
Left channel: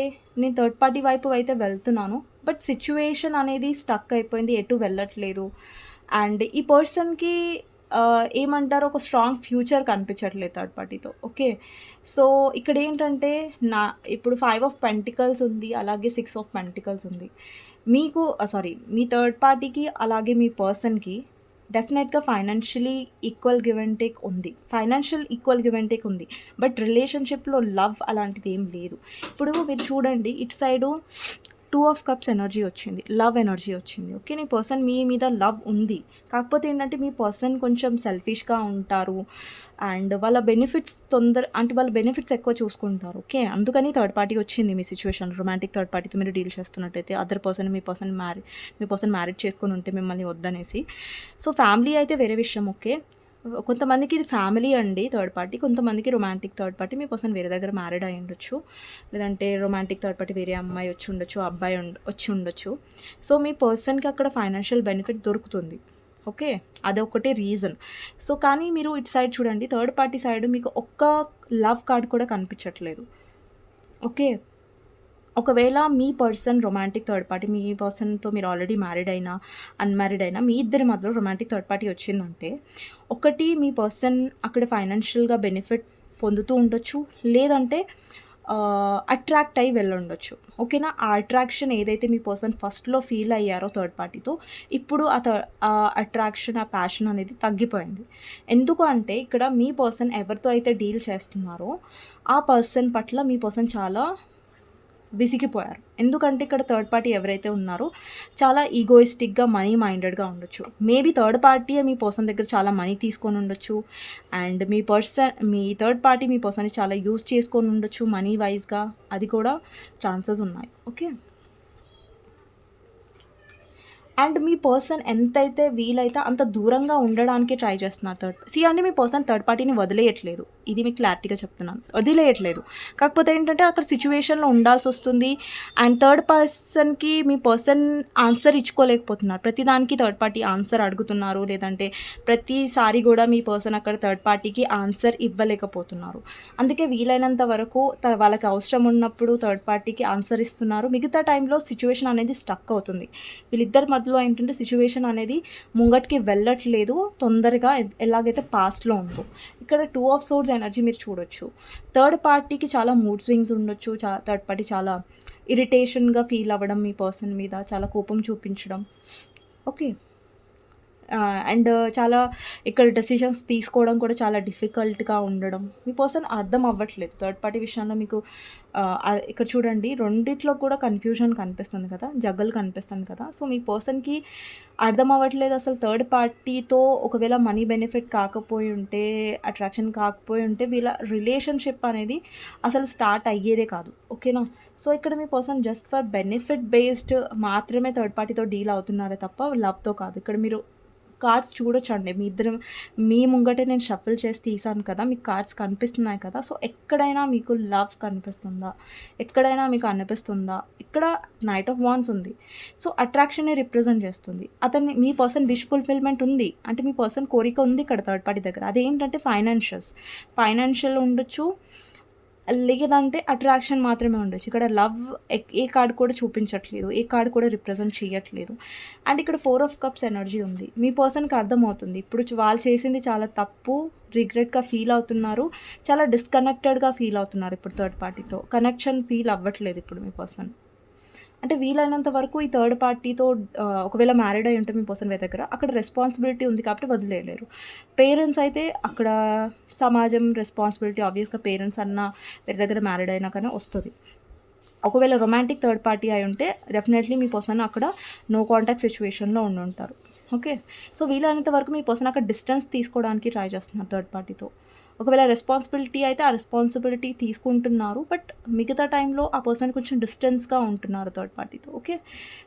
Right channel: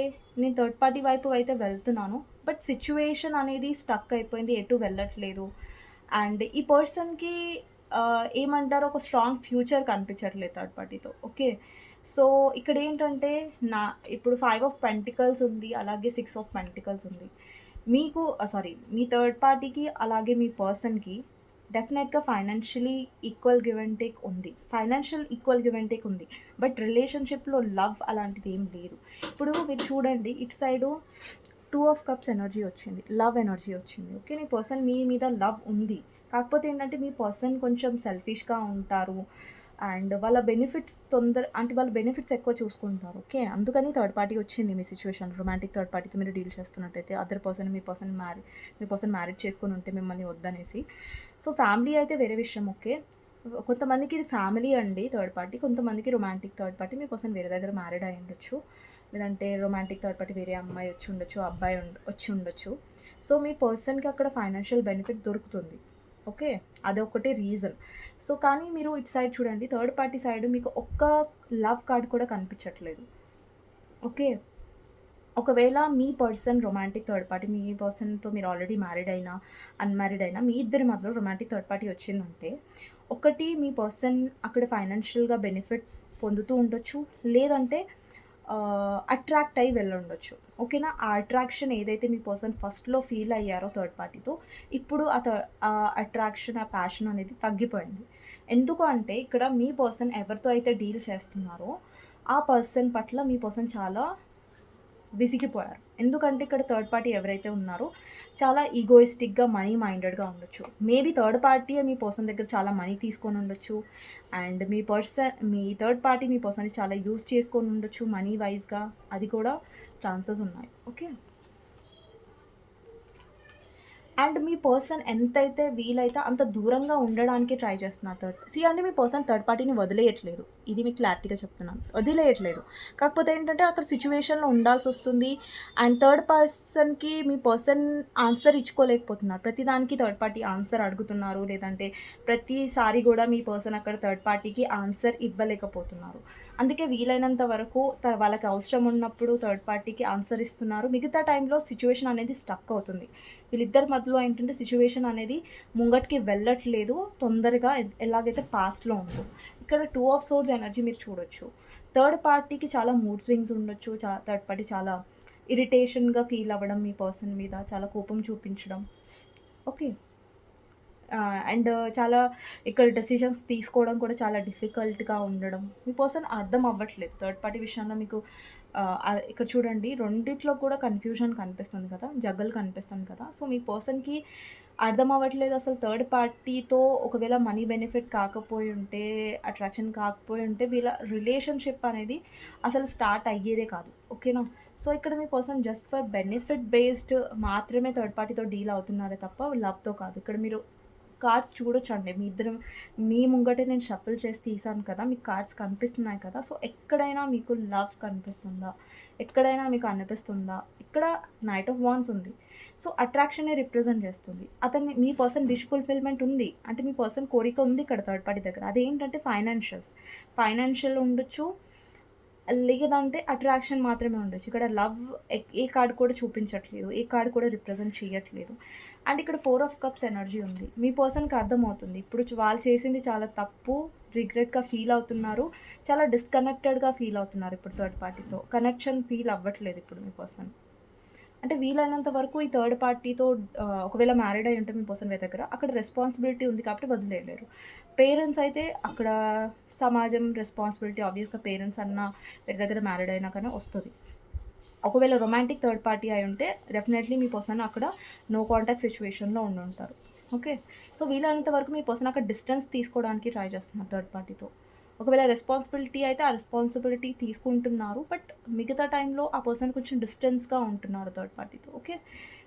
నేను థర్డ్ పార్టీ వైపు అయితే వెళ్తున్నాను బట్ సిచ్యువేషన్ అనేది స్టక్ అయిపోయింది ఎటు వెళ్ళట్లేదు. అండ్ ఈ పర్సన్కి ఏమంటారు ఒక స్ట్రాంగ్ ఫ్యూచర్ కనిపించట్లేదు థర్డ్ పార్టీతో ఓకే? సో ఇక్కడ ఏంటంటే నా ఇప్పుడు ఫైవ్ ఆఫ్ పెంటికల్స్ ఉంది అలాగే సిక్స్ ఆఫ్ పెంటికల్స్ ఉంది. మీకు సారీ మీ థర్డ్ పార్టీకి అలాగే మీ పర్సన్కి డెఫినెట్గా financially equal give and take ఉంది. Financial equal give and take ఉంది. బట్ రిలేషన్షిప్లో లవ్ అలాంటిది ఏం లేదు. ఇప్పుడు మీరు చూడండి ఇటు side two of cups energy వచ్చింది లవ్ ఎనర్జీ వచ్చింది. ఓకే నీ పర్సన్ మీ మీద లవ్ ఉంది. కాకపోతే ఏంటంటే మీ పర్సన్ కొంచెం సెల్ఫిష్గా ఉంటారు అండ్ వాళ్ళ బెనిఫిట్స్ తొందర అంటే వాళ్ళ బెనిఫిట్స్ ఎక్కువ చూసుకుంటారు. ఓకే అందుకని థర్డ్ పార్టీ వచ్చింది మీ సిచ్యువేషన్ రొమాంటిక్ థర్డ్ పార్టీతో మీరు డీల్ చేస్తున్నట్టయితే అదర్ పర్సన్ మీ పర్సన్ మ్యారీ మీ పర్సన్ మ్యారేజ్ చేసుకుని ఉంటే మిమ్మల్ని వద్దనేసి. సో ఫ్యామిలీ అయితే వేరే విషయం. ఓకే కొంతమందికి ఇది ఫ్యామిలీ అండి థర్డ్ పార్టీ. కొంతమందికి రొమాంటిక్ థర్డ్ పార్టీ. మీ పర్సన్ వేరే దగ్గర మ్యారీడ్ అయి ఉండొచ్చు. లేదంటే రొమాంటిక్ థర్డ్ పార్టీ వేరే అమ్మాయి వచ్చి ఉండొచ్చు అబ్బాయి వచ్చి ఉండొచ్చు. సో మీ పర్సన్కి అక్కడ ఫైనాన్షియల్ బెనిఫిట్ దొరుకుతుంది. ఓకే? అదొకటి రీజన్. సో కానీ మీరు ఇటు సైడ్ చూడండి థర్డ్ పార్టీ సైడ్ మీకు ఒక్క లవ్ కార్డ్ కూడా కనిపించట్లేదు. ఓకే? ఒకవేళ మీ పర్సన్ రొమాంటిక్ థర్డ్ పార్టీ మీ పర్సన్తో మీరు ఆల్రెడీ మ్యారీడ్ అయినా అన్మ్యారీడ్ అయినా మీ ఇద్దరి మధ్యలో రొమాంటిక్ థర్డ్ పార్టీ వచ్చిందంటే ఒకటి మీ పర్సన్ అక్కడ ఫైనాన్షియల్గా బెనిఫిట్ పొందుతూ ఉండొచ్చు లేదంటే అట్రాక్ట్ అయ్యి వెళ్ళుండొచ్చు. ఓకేనా? ఆ అట్రాక్షన్ ఏదైతే మీ పర్సన్ ఫస్ట్లో ఫీల్ అయ్యారో థర్డ్ పార్టీతో ఇప్పుడు ఆ ఆ అట్రాక్షన్ ఆ ప్యాషన్ అనేది తగ్గిపోయింది. ఎందుకు అంటే ఇక్కడ మీ పర్సన్ ఎవరితో అయితే డీల్ చేస్తున్నారో ఆ పర్సన్ పట్ల మీ పర్సన్ చాలా విసిగిపోయారు. ఎందుకంటే ఇక్కడ థర్డ్ పార్టీ ఎవరైతే ఉన్నారో చాలా ఈగోయిస్టిక్గా మనీ మైండెడ్గా ఉండొచ్చు. మేబీ థర్డ్ పార్టీ మీ పర్సన్ దగ్గర చాలా మనీ తీసుకొని ఉండొచ్చు. అండ్ మీ పర్సన్ మీ థర్డ్ పార్టీ మీ పర్సన్ని చాలా యూజ్ చేసుకొని ఉండొచ్చు మనీ వైజ్గా అది కూడా ఛాన్సెస్ ఉన్నాయి. ఓకే అండ్ మీ పర్సన్ ఎంతైతే వీలైతే అంత దూరంగా ఉండడానికి ట్రై చేస్తున్నారు థర్డ్ సీ అంటే మీ పర్సన్ థర్డ్ పార్టీని వదిలేయట్లేదు. ఇది మీకు క్లారిటీగా చెప్తున్నాను. వదిలేయట్లేదు కాకపోతే ఏంటంటే అక్కడ సిచ్యువేషన్లో ఉండాల్సి వస్తుంది. అండ్ థర్డ్ పర్సన్కి మీ పర్సన్ ఆన్సర్ ఇచ్చుకోలేకపోతున్నారు. ప్రతిదానికి థర్డ్ పార్టీ ఆన్సర్ అడుగుతున్నారు. లేదంటే ప్రతిసారి కూడా మీ పర్సన్ అక్కడ థర్డ్ పార్టీకి ఆన్సర్ ఇవ్వలేకపోతున్నారు. అందుకే వీలైనంత వరకు వాళ్ళకి అవసరం ఉన్నప్పుడు థర్డ్ పార్టీకి ఆన్సర్ ఇస్తున్నారు. మిగతా టైంలో సిచ్యువేషన్ అనేది స్టక్ అవుతుంది. వీళ్ళిద్దరి మధ్యలో ఏంటంటే సిచ్యువేషన్ అనేది ముంగటికి వెళ్ళట్లేదు. తొందరగా ఎలాగైతే పాస్ట్లో ఉందో. ఇక్కడ టూ ఆఫ్ సోర్స్ ఎనర్జీ మీరు చూడొచ్చు. థర్డ్ పార్టీకి చాలా మూడ్ స్వింగ్స్ ఉండొచ్చు చా థర్డ్ పార్టీ చాలా ఇరిటేషన్గా ఫీల్ అవ్వడం మీ పర్సన్ మీద చాలా కోపం చూపించడం. ఓకే అండ్ చాలా ఇక్కడ డెసిషన్స్ తీసుకోవడం కూడా చాలా డిఫికల్ట్గా ఉండడం. మీ పర్సన్ అర్థం అవ్వట్లేదు. థర్డ్ పార్టీ విషయంలో మీకు ఇక్కడ చూడండి రెండిట్లో కూడా కన్ఫ్యూజన్ కనిపిస్తుంది కదా జగ్గలు కనిపిస్తుంది కదా. సో మీ పర్సన్కి అర్థం అవ్వట్లేదు అసలు థర్డ్ పార్టీతో ఒకవేళ మనీ బెనిఫిట్ కాకపోయి ఉంటే అట్రాక్షన్ కాకపోయి ఉంటే వీళ్ళ రిలేషన్షిప్ అనేది అసలు స్టార్ట్ అయ్యేదే కాదు. ఓకేనా సో ఇక్కడ మీ person just for benefit based మాత్రమే థర్డ్ పార్టీతో డీల్ అవుతున్నారే తప్ప లవ్తో కాదు. ఇక్కడ మీరు కార్డ్స్ చూడొచ్చండి. మీ ఇద్దరు మీ ముంగటే నేను షఫుల్ చేసి తీసాను కదా మీకు కార్డ్స్ కనిపిస్తున్నాయి కదా సో ఎక్కడైనా మీకు లవ్ కనిపిస్తుందా? ఎక్కడైనా మీకు అనిపిస్తుందా? ఇక్కడ నైట్ ఆఫ్ వాన్స్ ఉంది. సో అట్రాక్షన్ని రిప్రజెంట్ చేస్తుంది. అతన్ని మీ పర్సన్ విష్ ఫుల్ఫిల్మెంట్ ఉంది. అంటే మీ పర్సన్ కోరిక ఉంది ఇక్కడ థర్డ్ పార్టీ దగ్గర. అదేంటంటే ఫైనాన్షియల్స్. ఫైనాన్షియల్ ఉండొచ్చు లేదంటే అట్రాక్షన్ మాత్రమే ఉండొచ్చు. ఇక్కడ లవ్ ఏ కార్డ్ కూడా చూపించట్లేదు. ఏ కార్డ్ కూడా రిప్రజెంట్ చేయట్లేదు. అండ్ ఇక్కడ ఫోర్ ఆఫ్ కప్స్ ఎనర్జీ ఉంది. మీ పర్సన్కి అర్థమవుతుంది. ఇప్పుడు వాళ్ళు చేసింది చాలా తప్పు రిగ్రెట్గా ఫీల్ అవుతున్నారు. చాలా డిస్కనెక్టెడ్గా ఫీల్ అవుతున్నారు ఇప్పుడు థర్డ్ పార్టీతో కనెక్షన్ ఫీల్ అవ్వట్లేదు ఇప్పుడు మీ పర్సన్ అంటే వీలైనంత వరకు ఈ థర్డ్ పార్టీతో ఒకవేళ మ్యారీడ్ అయి ఉంటే మీ పర్సన్ వే దగ్గర అక్కడ రెస్పాన్సిబిలిటీ ఉంది కాబట్టి వదిలేయలేరు. పేరెంట్స్ అయితే అక్కడ సమాజం రెస్పాన్సిబిలిటీ ఆబ్వియస్గా పేరెంట్స్ అన్న వేరే దగ్గర మ్యారీడ్ అయినా కానీ వస్తుంది. ఒకవేళ రొమాంటిక్ థర్డ్ పార్టీ అయి ఉంటే డెఫినెట్లీ మీ పర్సన్ అక్కడ నో కాంటాక్ట్ సిచ్యువేషన్లో ఉండి ఉంటారు. ఓకే సో వీలైనంత వరకు మీ పర్సన్ అక్కడ డిస్టెన్స్ తీసుకోవడానికి ట్రై చేస్తున్నారు థర్డ్ పార్టీతో ఒకవేళ రెస్పాన్సిబిలిటీ అయితే ఆ రెస్పాన్సిబిలిటీ తీసుకుంటున్నారు బట్ మిగతా టైంలో ఆ పర్సన్ కొంచెం డిస్టెన్స్గా ఉంటున్నారు థర్డ్ పార్టీతో ఓకే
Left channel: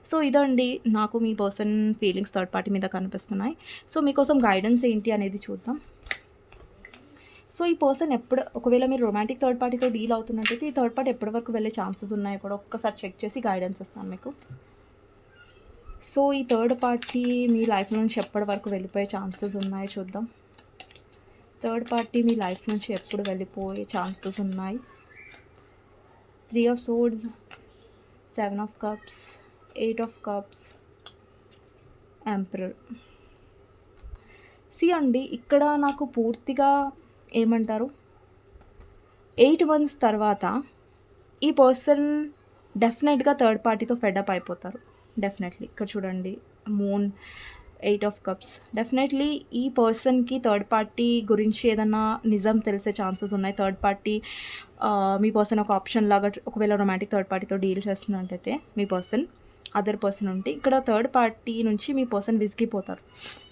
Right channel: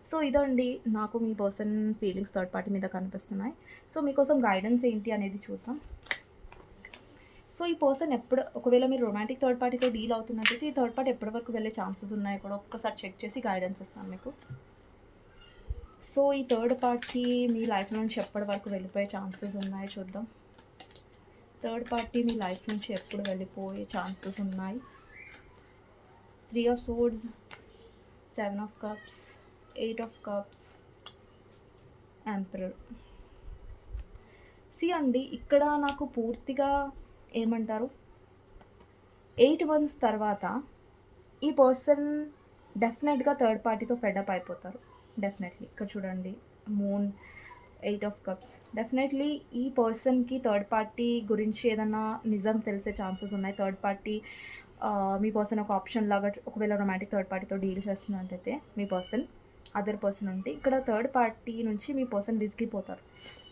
సో ఇదండి నాకు మీ పర్సన్ ఫీలింగ్స్ థర్డ్ పార్టీ మీద కనిపిస్తున్నాయి. సో మీకోసం గైడెన్స్ ఏంటి అనేది చూద్దాం. సో ఈ పర్సన్ ఎప్పుడు ఒకవేళ మీరు రొమాంటిక్ థర్డ్ పార్టీతో డీల్ అవుతున్నట్టయితే ఈ థర్డ్ పార్టీ ఎప్పటి వరకు వెళ్ళే ఛాన్సెస్ ఉన్నాయి కూడా ఒక్కసారి చెక్ చేసి గైడెన్స్ ఇస్తాను మీకు. సో ఈ థర్డ్ పార్టీ మీ లైఫ్ నుంచి ఎప్పటి వరకు వెళ్ళిపోయే ఛాన్సెస్ ఉన్నాయి చూద్దాం. థర్డ్ పార్టీ మీ లైఫ్ నుంచి ఎప్పుడు వెళ్ళిపోయే ఛాన్సెస్ ఉన్నాయి? Three of swords seven of cups eight of cups emperor. See అండి ఇక్కడ నాకు పూర్తిగా ఏమంటారు? ఎయిట్ మంత్స్ తర్వాత ఈ పర్సన్ డెఫినెట్గా థర్డ్ పార్టీతో ఫెడప్ అయిపోతారు. డెఫినెట్లీ. ఇక్కడ చూడండి moon eight of cups definitely ఈ పర్సన్కి థర్డ్ పార్టీ గురించి ఏదైనా నిజం తెలిసే ఛాన్సెస్ ఉన్నాయి. థర్డ్ పార్టీ మీ పర్సన్ ఒక ఆప్షన్ లాగా ఒకవేళ రొమాంటిక్ థర్డ్ పార్టీతో డీల్ చేస్తున్నట్టయితే మీ పర్సన్ అదర్ పర్సన్ ఉంటే ఇక్కడ థర్డ్ పార్టీ నుంచి మీ పర్సన్ విసిగిపోతారు.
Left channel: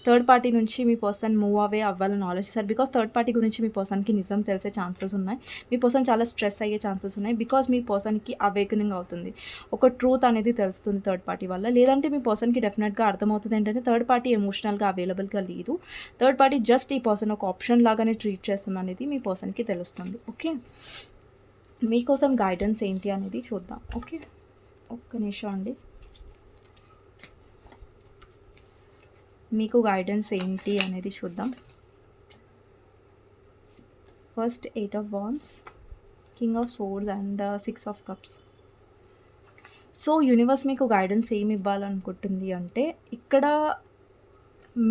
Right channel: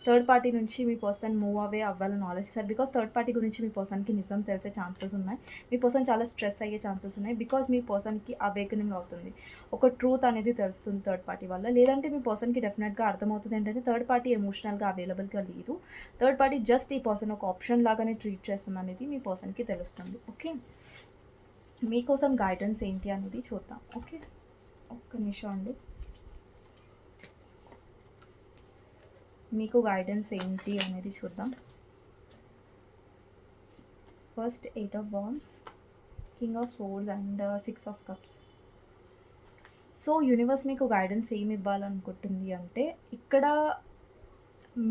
థర్డ్ పార్టీ నుంచి మీ పర్సన్ మూవ్ అవే అవ్వాలని ఆలోచిస్తారు. బికాస్ థర్డ్ పార్టీ గురించి మీ పర్సన్కి నిజం తెలిసే ఛాన్సెస్ ఉన్నాయి. మీ పర్సన్ చాలా స్ట్రెస్ అయ్యే ఛాన్సెస్ ఉన్నాయి. బికాస్ మీ పర్సన్కి అవేకనింగ్ అవుతుంది. ఒక ట్రూత్ అనేది తెలుస్తుంది థర్డ్ పార్టీ వల్ల. లేదంటే మీ పర్సన్కి డెఫినెట్గా అర్థమవుతుంది ఏంటంటే థర్డ్ పార్టీ ఎమోషనల్గా అవైలబుల్గా లేదు. థర్డ్ పార్టీ జస్ట్ ఈ పర్సన్ ఒక ఆప్షన్ లాగానే ట్రీట్ చేస్తుంది అనేది మీ పర్సన్కి తెలుస్తుంది. ఓకే మీకోసం గైడెన్స్ ఏంటి అనేది చూద్దాం. ఓకే ఒక్క నిమిషం అండి. మీకు గైడెన్స్ ఏంటి అనేది చూద్దాం. First eight of wands king of swords and six of cups so universe మీకు గైడెన్స్ ఏమి ఇవ్వాలనుకుంటుంది అంటే ఇక్కడ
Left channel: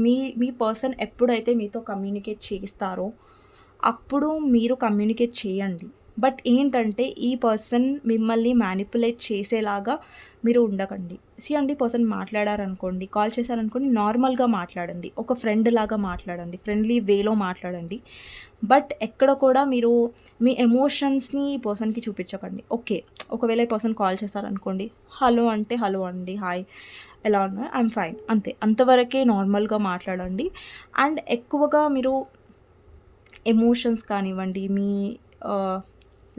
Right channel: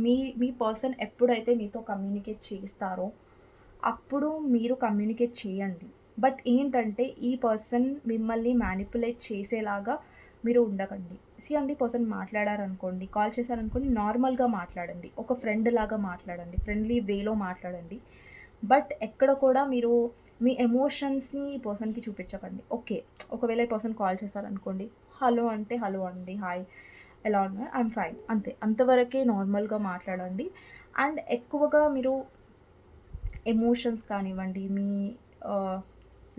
మీ మీ పర్సన్ ఎప్పుడైతే మీతో కమ్యూనికేట్ చేస్తారో అప్పుడు మీరు కమ్యూనికేట్ చేయండి. బట్ ఏంటంటే ఈ పర్సన్ మిమ్మల్ని మ్యానిపులేట్ చేసేలాగా మీరు ఉండకండి. సి అండి పర్సన్ మాట్లాడారనుకోండి కాల్ చేశారనుకోండి నార్మల్గా మాట్లాడండి. ఒక ఫ్రెండ్ లాగా మాట్లాడండి ఫ్రెండ్లీ వేలో మాట్లాడండి. బట్ ఎక్కడ కూడా మీరు మీ ఎమోషన్స్ని ఈ పర్సన్కి చూపించకండి. ఓకే ఒకవేళ ఈ పర్సన్ కాల్ చేశారనుకోండి హలో అంటే హలో అండి హాయ్ ఎలా ఉన్నా ఐఎమ్ ఫైన్ అంతే. అంతవరకే నార్మల్గా మాట్లాడండి. అండ్ ఎక్కువగా మీరు ఎమోషన్స్ కానివ్వండి మీ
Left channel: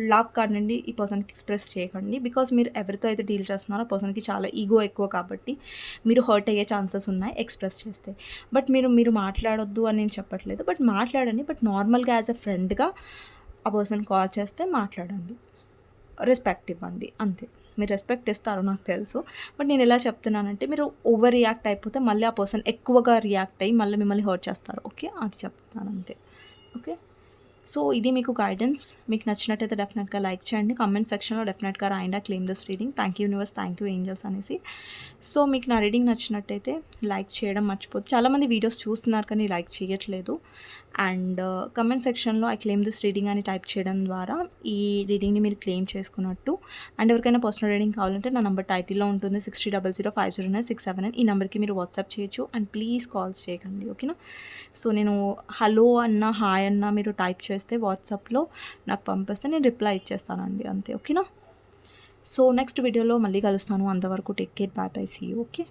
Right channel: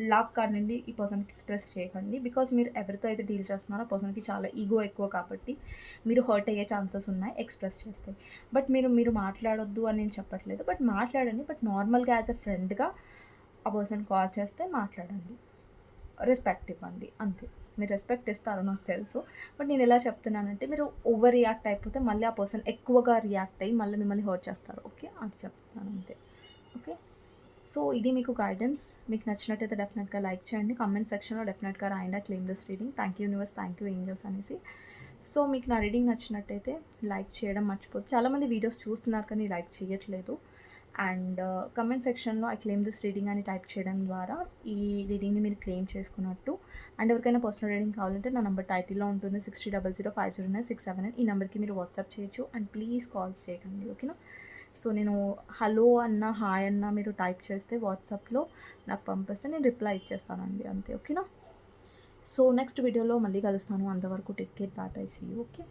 లవ్ నుండి ఈ పర్సన్కి ఎక్స్ప్రెస్ చేయకండి. బికాస్ మీరు ఎవరితో అయితే డీల్ చేస్తున్నారో ఆ పర్సన్కి చాలా ఈగో ఎక్కువ కాబట్టి మీరు హర్ట్ అయ్యే ఛాన్సెస్ ఉన్నాయి ఎక్స్ప్రెస్ చేస్తే. బట్ మీరు మీరు మాట్లాడొద్దు అని నేను చెప్పట్లేదు. బట్ మాట్లాడండి. బట్ నార్మల్గా యాజ్ ఎ ఫ్రెండ్గా ఆ పర్సన్ కాల్ చేస్తే మాట్లాడండి. రెస్పెక్ట్ ఇవ్వండి. అంతే. మీరు రెస్పెక్ట్ ఇస్తారు నాకు తెలుసు. బట్ నేను ఎలా చెప్తున్నానంటే మీరు ఓవర్ రియాక్ట్ అయిపోతే మళ్ళీ ఆ పర్సన్ ఎక్కువగా రియాక్ట్ అయ్యి మళ్ళీ మిమ్మల్ని హర్ట్ చేస్తారు. ఓకే? అది చెప్తున్నాను. అంతే. ఓకే? సో ఇది మీకు గైడెన్స్ మీకు నచ్చినట్టయితే డెఫినెట్గా లైక్ చేయండి. కామెంట్ సెక్షన్లో డెఫినెట్గా రాయండి. Claim this reading thank you universe thank you angels అనేసి. సో మీకు నా రీడింగ్ నచ్చినట్టయితే లైక్ చేయడం మర్చిపోదు చాలామంది వీడియోస్ చూస్తున్నారు కానీ లైక్ చేయట్లేదు. అండ్ కమెంట్ సెక్షన్లో ఐ క్లెయిమ్ దిస్ రీడింగ్ అని టైప్ చేయడం ద్వారా ఈ రీడింగ్ని మీరు క్లెయిమ్ చేసుకున్నట్టు. అండ్ ఎవరికైనా పర్సనల్ రీడింగ్ కావాలంటే నా నెంబర్ టైటిల్లో ఉంటుంది. Six three double zero five zero nine six seven nine ఈ నెంబర్కి మీరు వాట్సాప్ చేయొచ్చు. అండ్ ప్లీజ్ కాల్స్ చేయకండి. ఓకేనా సో నేను హలో అన్న హాయ్ అన్న మీరు టైప్ చేస్తే వాట్సాప్లో నాకు పంపిస్తే నేను రిప్లై ఇచ్చేస్తానండి అంతే ఓకేనా? సో నెక్స్ట్ వీడియోలో మళ్ళీ కలుస్తాను. అంతవరకు take care bye bye see okay?